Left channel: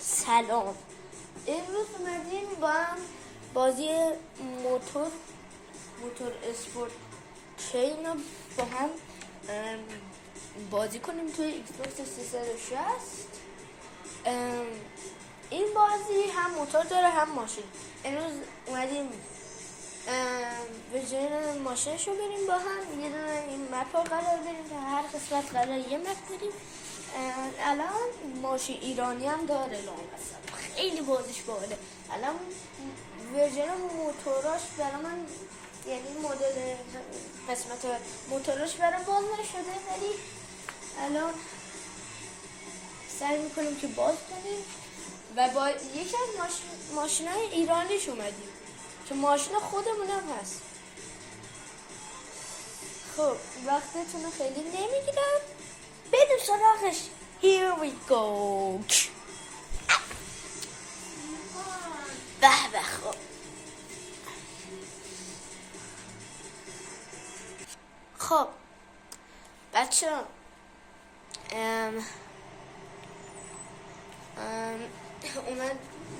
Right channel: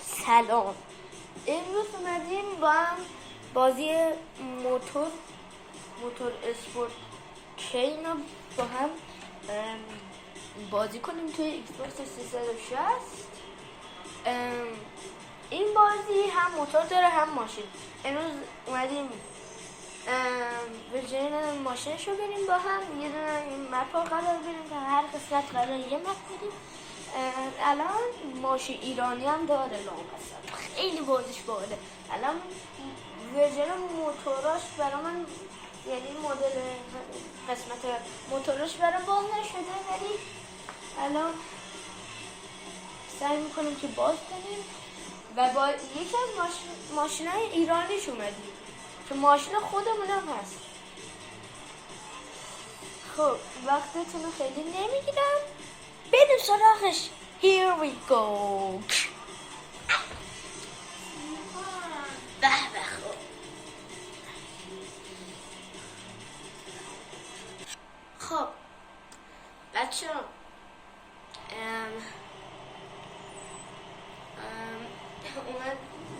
سلام. امروز اومدیم با هم بازی موتور اسپورت کین رو با هم بازی کنیم توی ایکس باکس 360. این بازی هم موتور داره هم ماشین. امروز اومدیم ورژن ماشینشو بریم با هم یه دونه این مپ رو قرار بریم تا هر قسمت قرار یه مپ بریم. الان ماشین ایرانی هم داره لامصب، خیلی بازیش باحاله. الان ورژن موتوراش برای من، یعنی مدل قسمت موتوراش برای باز نشده، ولی الان سعی میکنیم که باز کنیم و با یکی از ماشینای ایرانیش اومدیم که ماشین خودمون هم هست. خب وقتتون رو خیلی نمیگیرم، بریم سراغش. Here we go. به به. خب بچه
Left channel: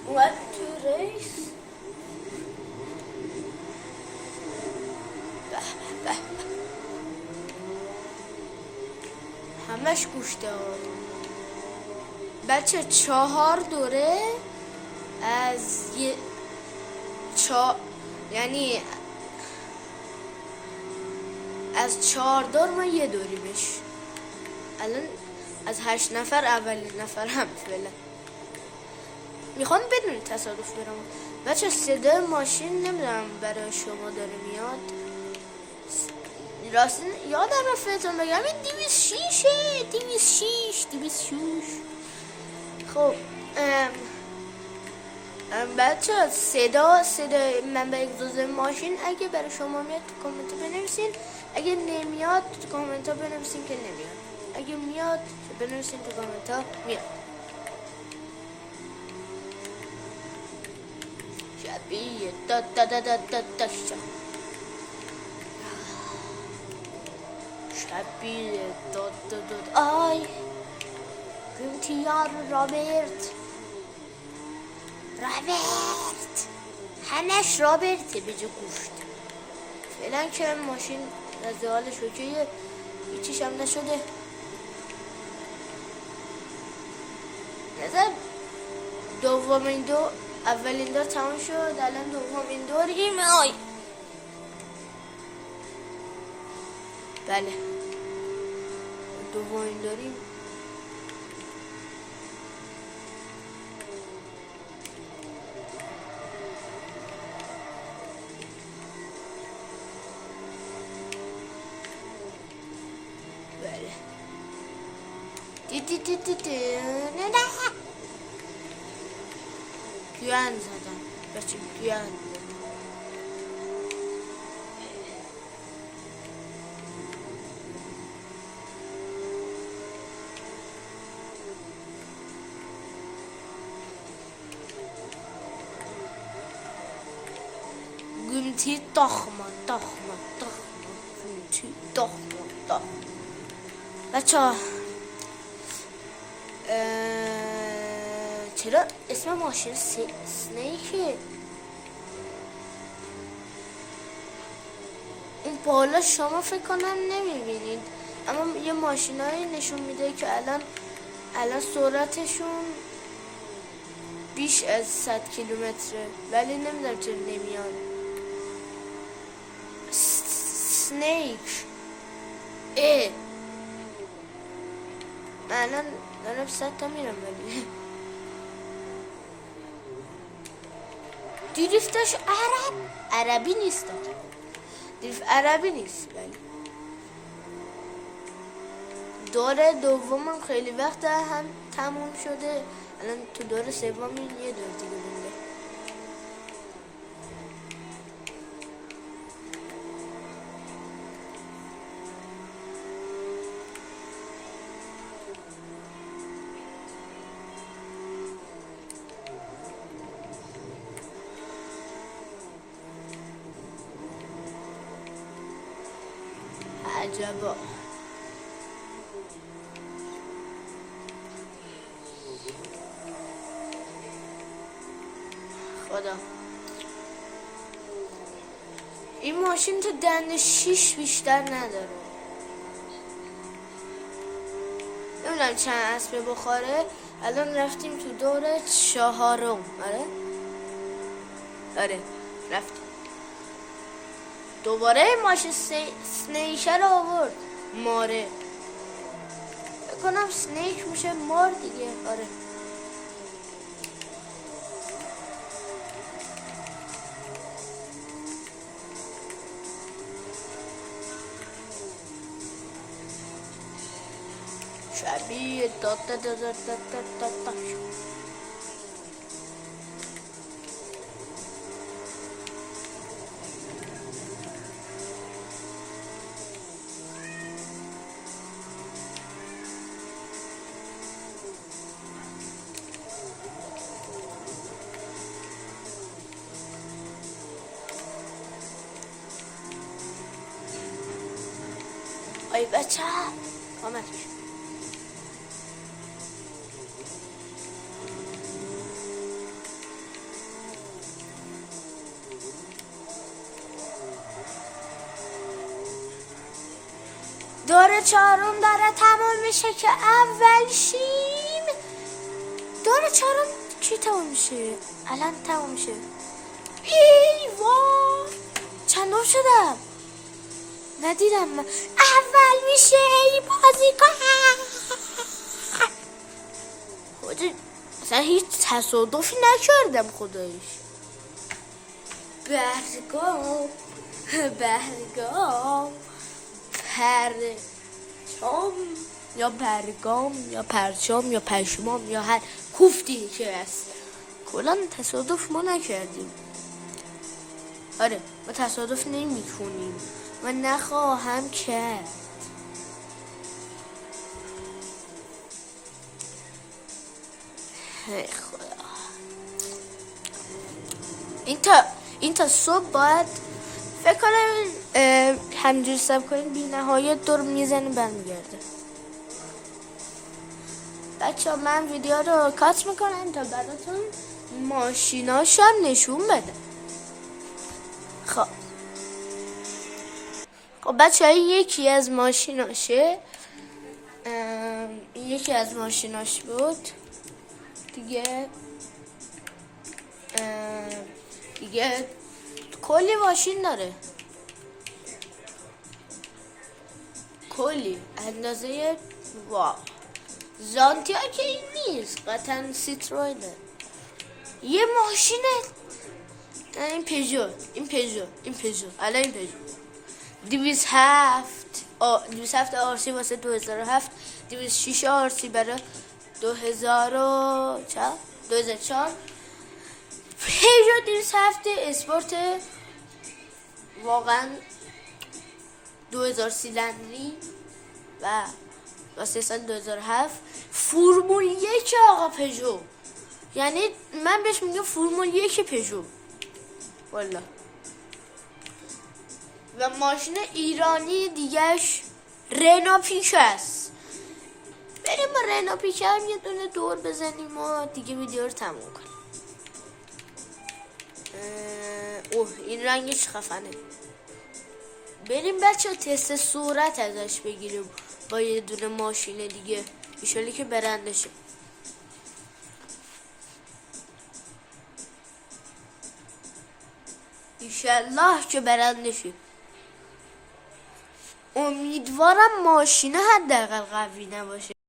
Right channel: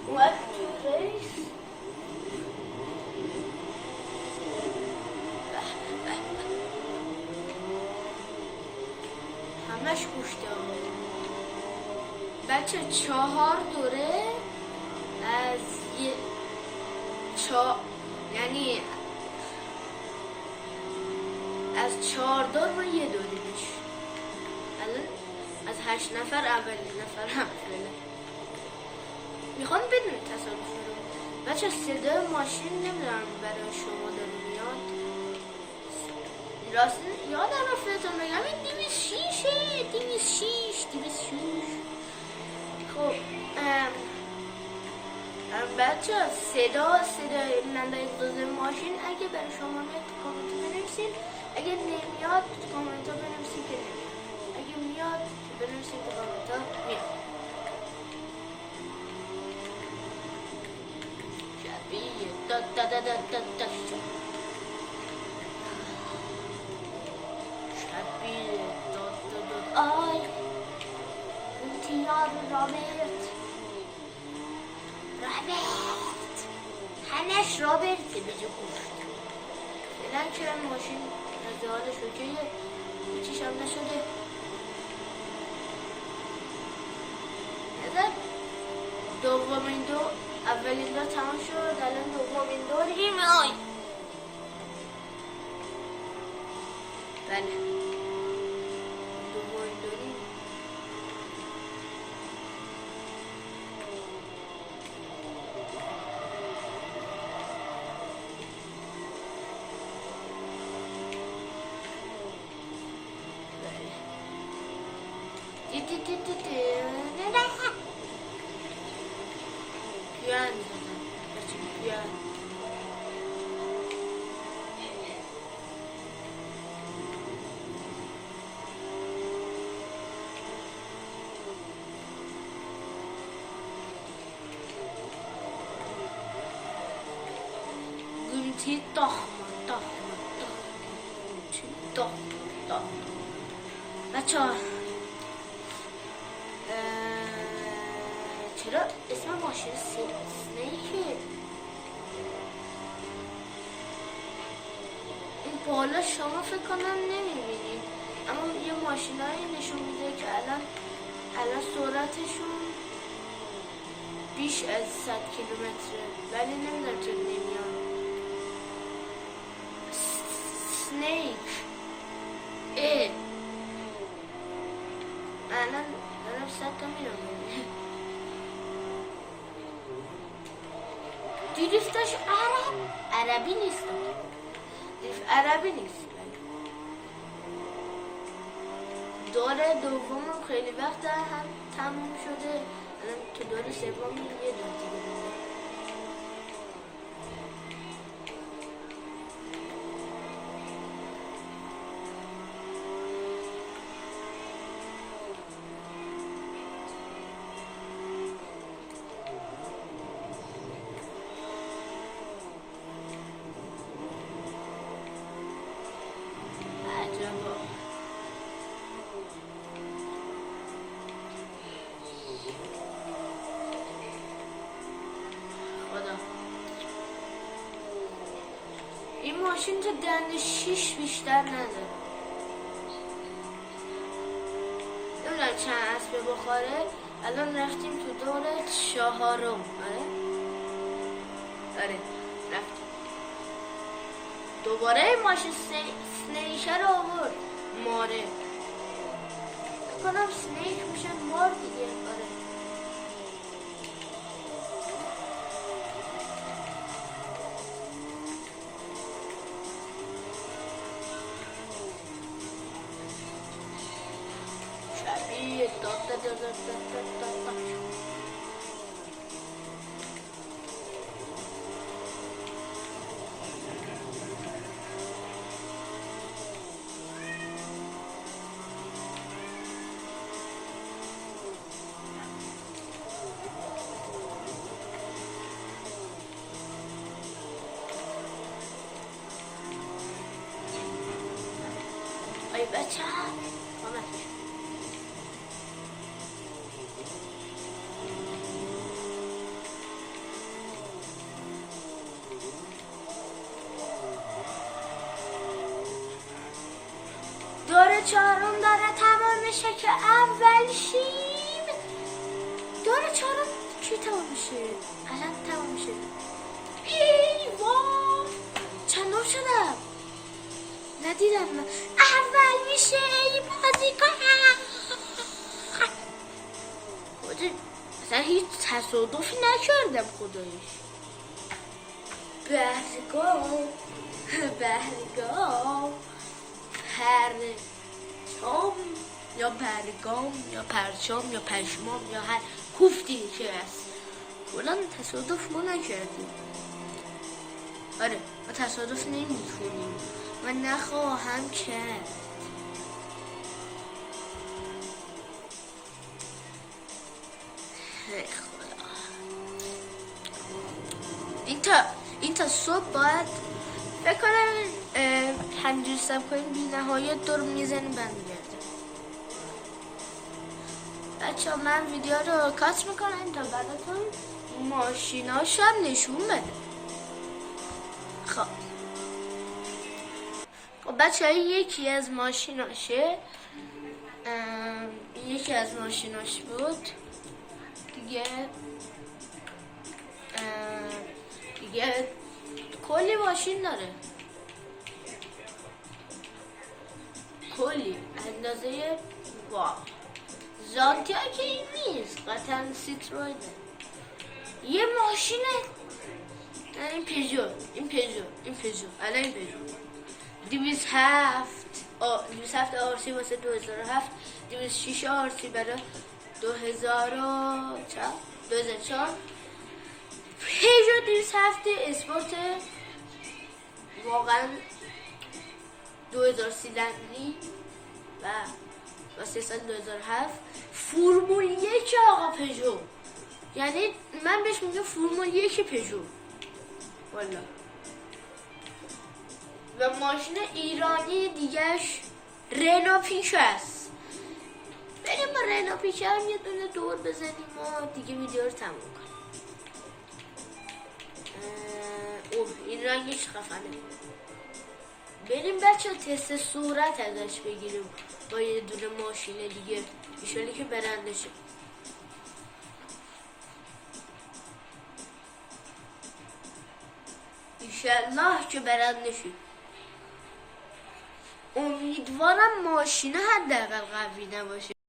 اومد تو ریس. همش گوش داد بچه. 4 دوره از یعنی از 4 دور ما یه دوری بش. الان از 8 نفر اولین نفر هم فعلا. میخوام بدون تصادف برم بچه. صدای ماشین نمیدونم برای شما داره میاد. راست یادم رفتم بگم 206. خب بچه صدای منبع اگزوز ماشین اگه برای شما میاد تو کامنت بنویسین. اگه نمیاد تو کامنت بنویسین که نمیاد. اگه میاد بنویسین تو کامنت میاد. شبیه داد شبیه داد آی روتیار رابرت همش رابرته به جا گفت. فعلا که ماشین از حالش اوکیه، هیچیش هم نشده. نظر دومین دور، اولین دور تمام شد، الان دومین دوریم. آی بله دومین دوریم. پیان زدم بچه، پیان. گونتی تخمه بچه ها. چرا اسم ماشین سنیکه؟ این بالا شما فکر کنم نمیبینید، اما یه ماشینایی نشون میده که الان سرعتشون بیش از 100 کیلومتره، ولی نمیدونم چرا نمیاد. سنیک الان 100 تا میرم. دریفتش عربی نیست. دریفت عربی نیست. دوره دومم خیلی وقت هم تمام شده. الان تو دوره سوم یه دور دیگه مونده. عجبا. ماشین تو دنده 6 بیشتر نداره. نمیدونم چند اسبه بخوره. الان رفتیم تو دور 4. آره رفتیم دوباره ماشین سنیشه رو آورد. ماره بکنم سنیک میشه مار دیگه. آره شبیه ای بچه آمد. دور 4 داره تمام میشه که اول شیم. دور 4 کی تمام میشه؟ الان تمام میشه. ای وای چندم شدم ندیدم من. اول میشه ای بازیکن. اصلا هیچ تصادفی نکردم خدایش. برگام پرچام یا برگام یا پرچام یا پشمام یا هر کوفتی که هست کلا تصادف ما نکردیم. آره ما تصادف نمی‌کنیم و نخواهم کرد. این تا صبح باید فکر کنم همینجوری سب کنیم بی نهایت دور میزنیم برمیگرده. بچه من ویدیو رو کات میکنم تا براتون ماشیناش هم نشون بده. خب بچه یکی از ماشیناشه، یکی از ماشیناش بود دیگه کلی ماشین داره، کلی اندازه زانتیا که این نیست، قطعا سیتروینه. یه ماشینه این پیژو الان این پیژو 207 آرسی واسه 2007، 206 آرسی برای 2004. پیژو 207 اسپورت واقعا 2000 سیلندری و واسه سال 2007 فرمول 1 آقا پیژو، یعنی من بهش میگم فرمول 1 پیژو والا. و ماشین ایرانی دیگهش رنو پیک است. بریم با رنو پیک هم یه دونه دور بزنیم و دیگه ویدیو رو تموم کنیم. این رنگش خفنه. بریم بچه تست صورت ازش بگیریم با یه دونه ماشین دیگه، ایشالی که برنده شد. ایشالله که برنده شد. امیدوارم ماشینه حداقل قوی نباشه.